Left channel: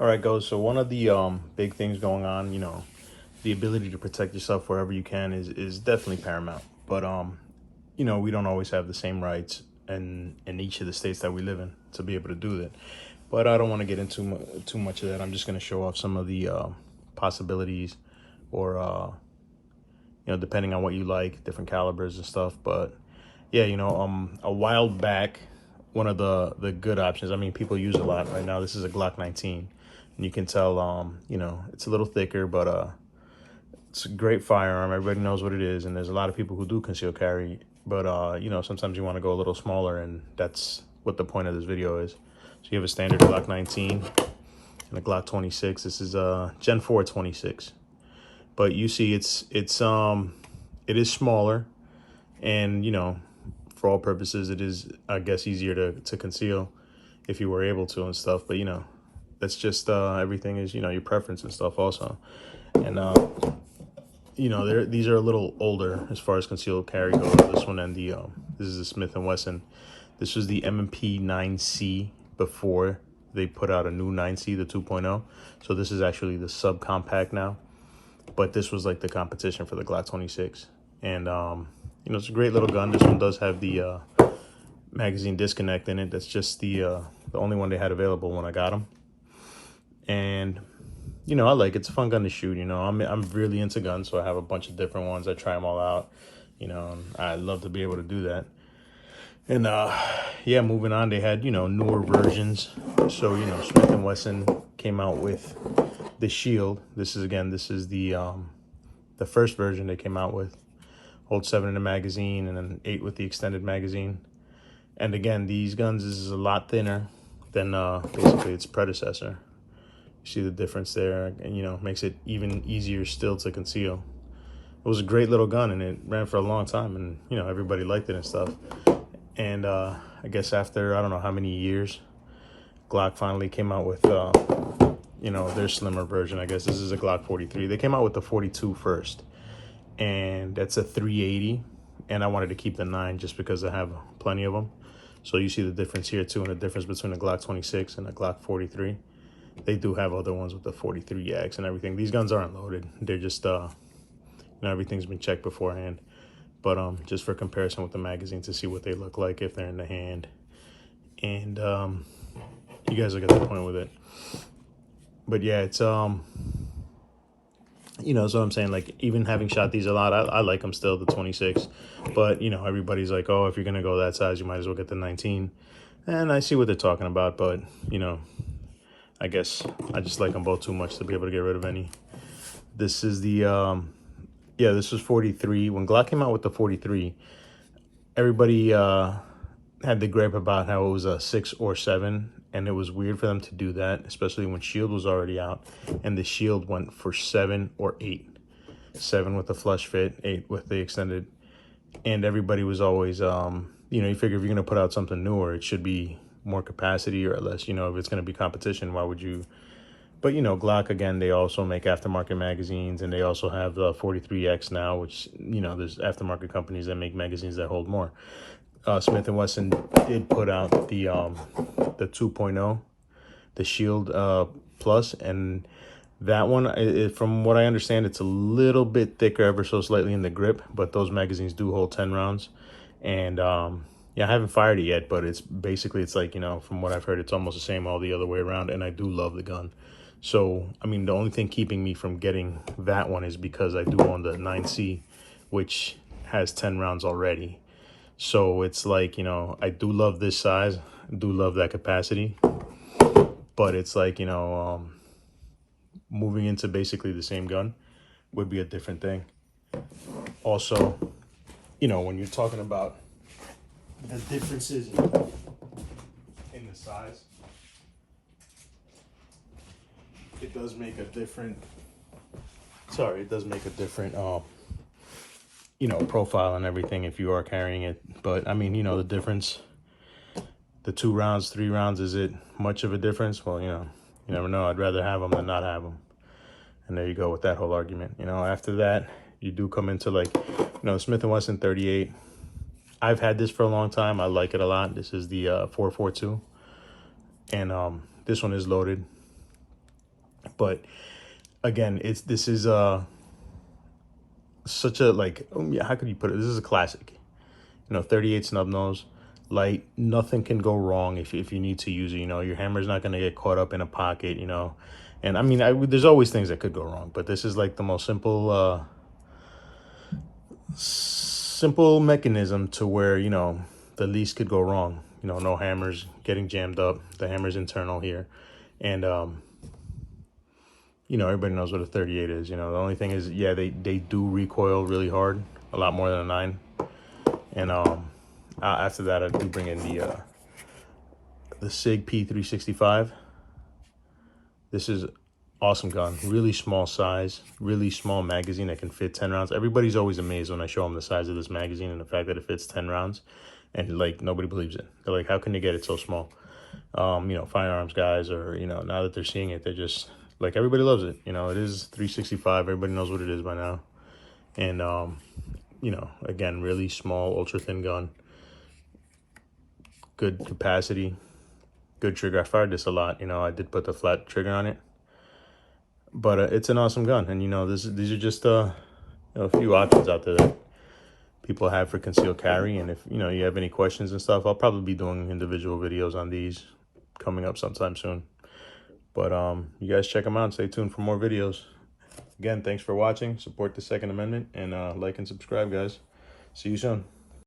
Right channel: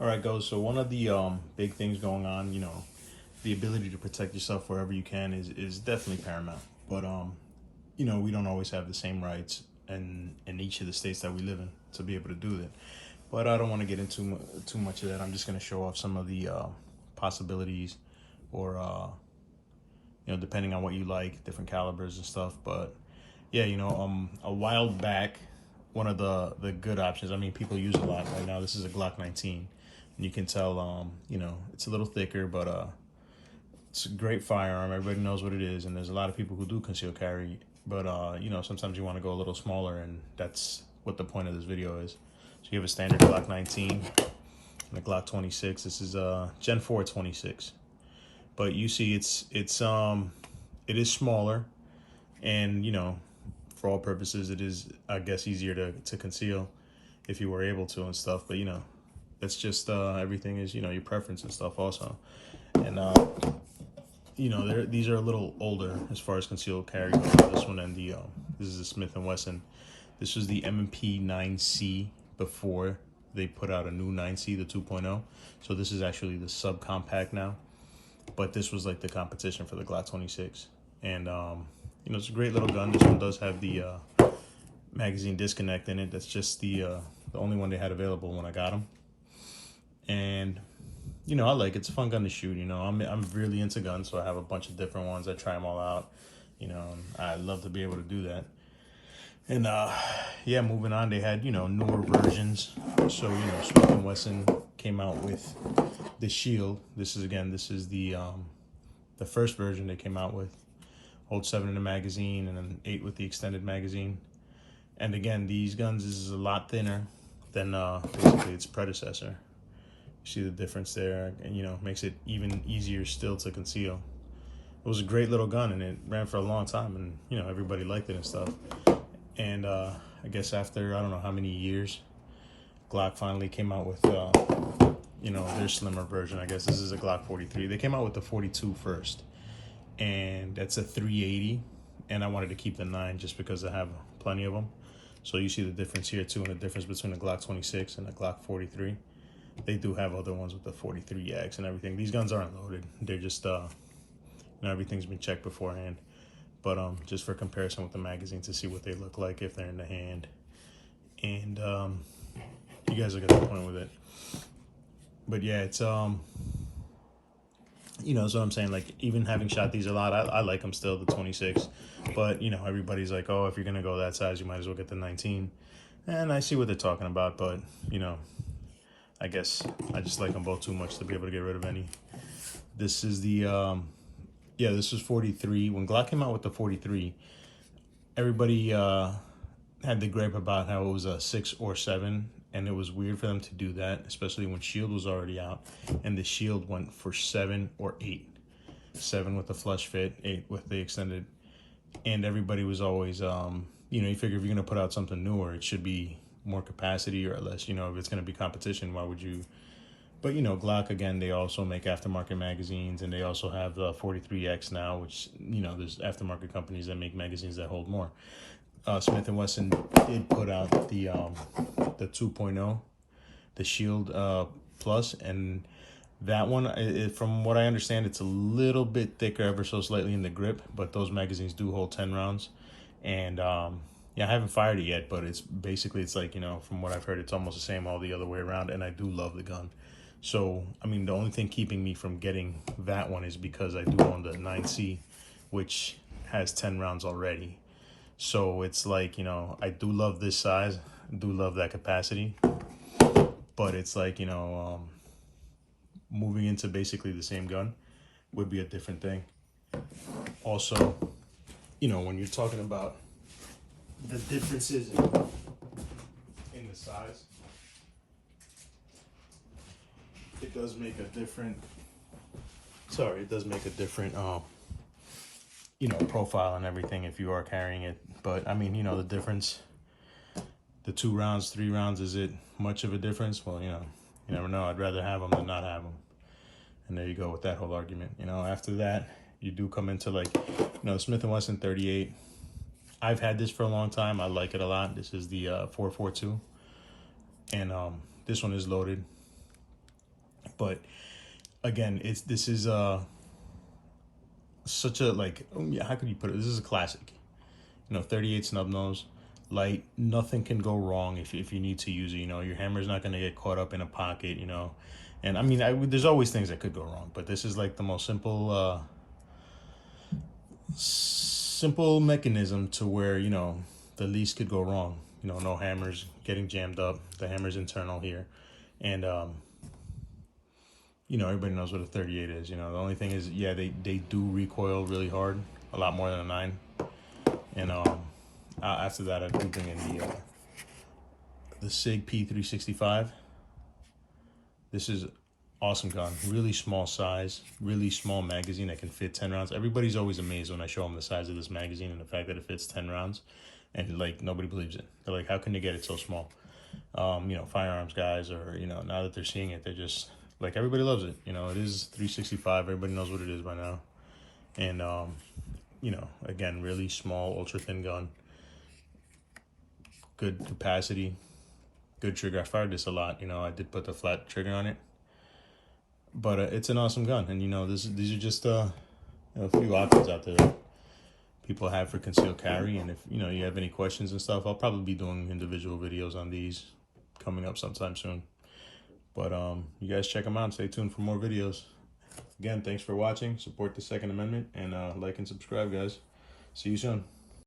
All right, guys. So one of the big things going on, the ability to protect yourself wherever you can is definitely paramount. But we don't always have the same rights in each of the states that we live in to be able to do that. But I don't want to get into too much of that. I'm just going to show off some of the possibilities, or depending on what you like, different calibers and stuff. But yeah, a while back, one of the good options. I mean, people use a lot right now. This is a Glock 19. And you can tell, it's a little thicker, but it's a great firearm. Everybody knows what it is, and there's a lot of people who do conceal carry. But sometimes you want to go a little smaller, and that's what the point of this video is. So you have a standard Glock 19 and a Glock 26. This is a Gen 4 26. But you see, it is smaller, and for all purposes, it is, I guess, easier to conceal if you were able to and stuff. But that's just everything is your preference and stuff also. And these are a little older as far as concealed carry goes. This one and the this is a Smith & Wesson. This was the M&P 9C before they put out a new 9C, the 2.0. So this is actually the subcompact now, but this was like the competition for the Glock 26. And it's a great little gun. This one does have the magazine disconnect in it. That's just the only one they had available when I got them. And I like it's a fun gun to shoot. I'm really into guns, so I have a bunch of different ones. I try them all out. I love to be able to do that. And yeah, moving on, they had newer versions. So Smith & Wesson came out with the Shield. This is the first version they came out with. Holds 7 in the magazine and then 8 with the extended magazine. And again, these guns, this is a lot thinner than basically its predecessor. You see the difference there, and makes it even easier still to conceal. It was a great little gun, and it ran for a long time, and everybody liked it and stuff. And I guess after I don't know how many years, Glock finally came out with their slimmer version. I guess this is a Glock 43. They came out with the 42 first, and that's a 380. And I wanted to keep the 9 just because I have plenty of them. So you see the difference here too, and the difference between the Glock 26 and the Glock 43. They do have other ones with the 43X and everything. These guns aren't loaded. They're just, everything's been checked beforehand. But just for comparison with the magazine to see what they look like if they're in the hand. And you guys will get the point with it. But yeah, it's, so I'm saying, like, even having shot these a lot, I like them still, the 26. But, everybody's like, oh, if you're going to go that size, you might as well get the 19. And I see what they're talking about, but, I guess I just like them both too much to be able to get rid of any. This is the, this was 43. When Glock came out with the 43, everybody had the gripe about how it was a 6 or 7, and it was weird for them to do that, especially when Shield was already out, and the Shield went for 7 or 8. 7 with the flush fit, 8 with the extended, and everybody was always, you figure if you're gonna put out something newer, it should be more capacity or less, if it's going to be competition, why would you? But Glock, again, they also make aftermarket magazines, and they also have the 43X now, which there's aftermarket companies that make magazines that hold more. Smith & Wesson did put out the 2.0, the Shield Plus, and that one, from what I understand, it's a little bit thicker, ever so slightly in the grip, but those magazines do hold 10 rounds. And yeah, I haven't fired it yet, but it's like, from what I've heard, it's almost the same all the other way around, and I do love the gun. So, I mean, the only thing keeping me from getting that one is because I do own the 9C, which has 10 rounds already. So it's like, I do love this size, I do love that capacity, but it's like, moving into basically the same gun would be a different thing. Also, when you're talking about the differences in the size, it does make a different, profile and everything if you are carrying it. But I mean, the difference, the 2 rounds, 3 rounds, is it much of a difference? Well, you never know. I'd rather have them than not have them. And there you go with that whole argument. After that, you do come into like, Smith & Wesson 38. I've had this for a long time. I like it a lot. This is the 442. And this one is loaded. But again, this is such a, like, yeah, how could you put it? This is a classic. 38 snub nose, light, nothing can go wrong if you need to use it. Your hammer's not going to get caught up in a pocket, and I mean, there's always things that could go wrong, but this is like the most simple mechanism to where the least could go wrong. No hammers getting jammed up. The hammer's internal here, and everybody knows what a 38 is. The only thing is, yeah, they do recoil really hard, a lot more than a 9. And after that, I do bring in the SIG P365. This is awesome gun, really small size, really small magazine that can fit 10 rounds. Everybody's always amazed when I show them the size of this magazine and the fact that it fits 10 rounds, and like nobody believes it. They're like, how can you get it so small? Firearms guys, or now that they're seeing it, they're just like, everybody loves it. It is 365. Everybody knows what it is by now. And again, really small, ultra thin gun, good capacity, good trigger. I fired this a lot. I did put the flat trigger on it, but it's an awesome gun. And these are just a few options out there that people have for concealed carry. And if you have any questions and stuff, I'll probably be doing individual videos on these coming up sometime soon. But you guys check them out and stay tuned for more videos. Again, thanks for watching. Support the Second Amendment, and like and subscribe, guys. See you soon.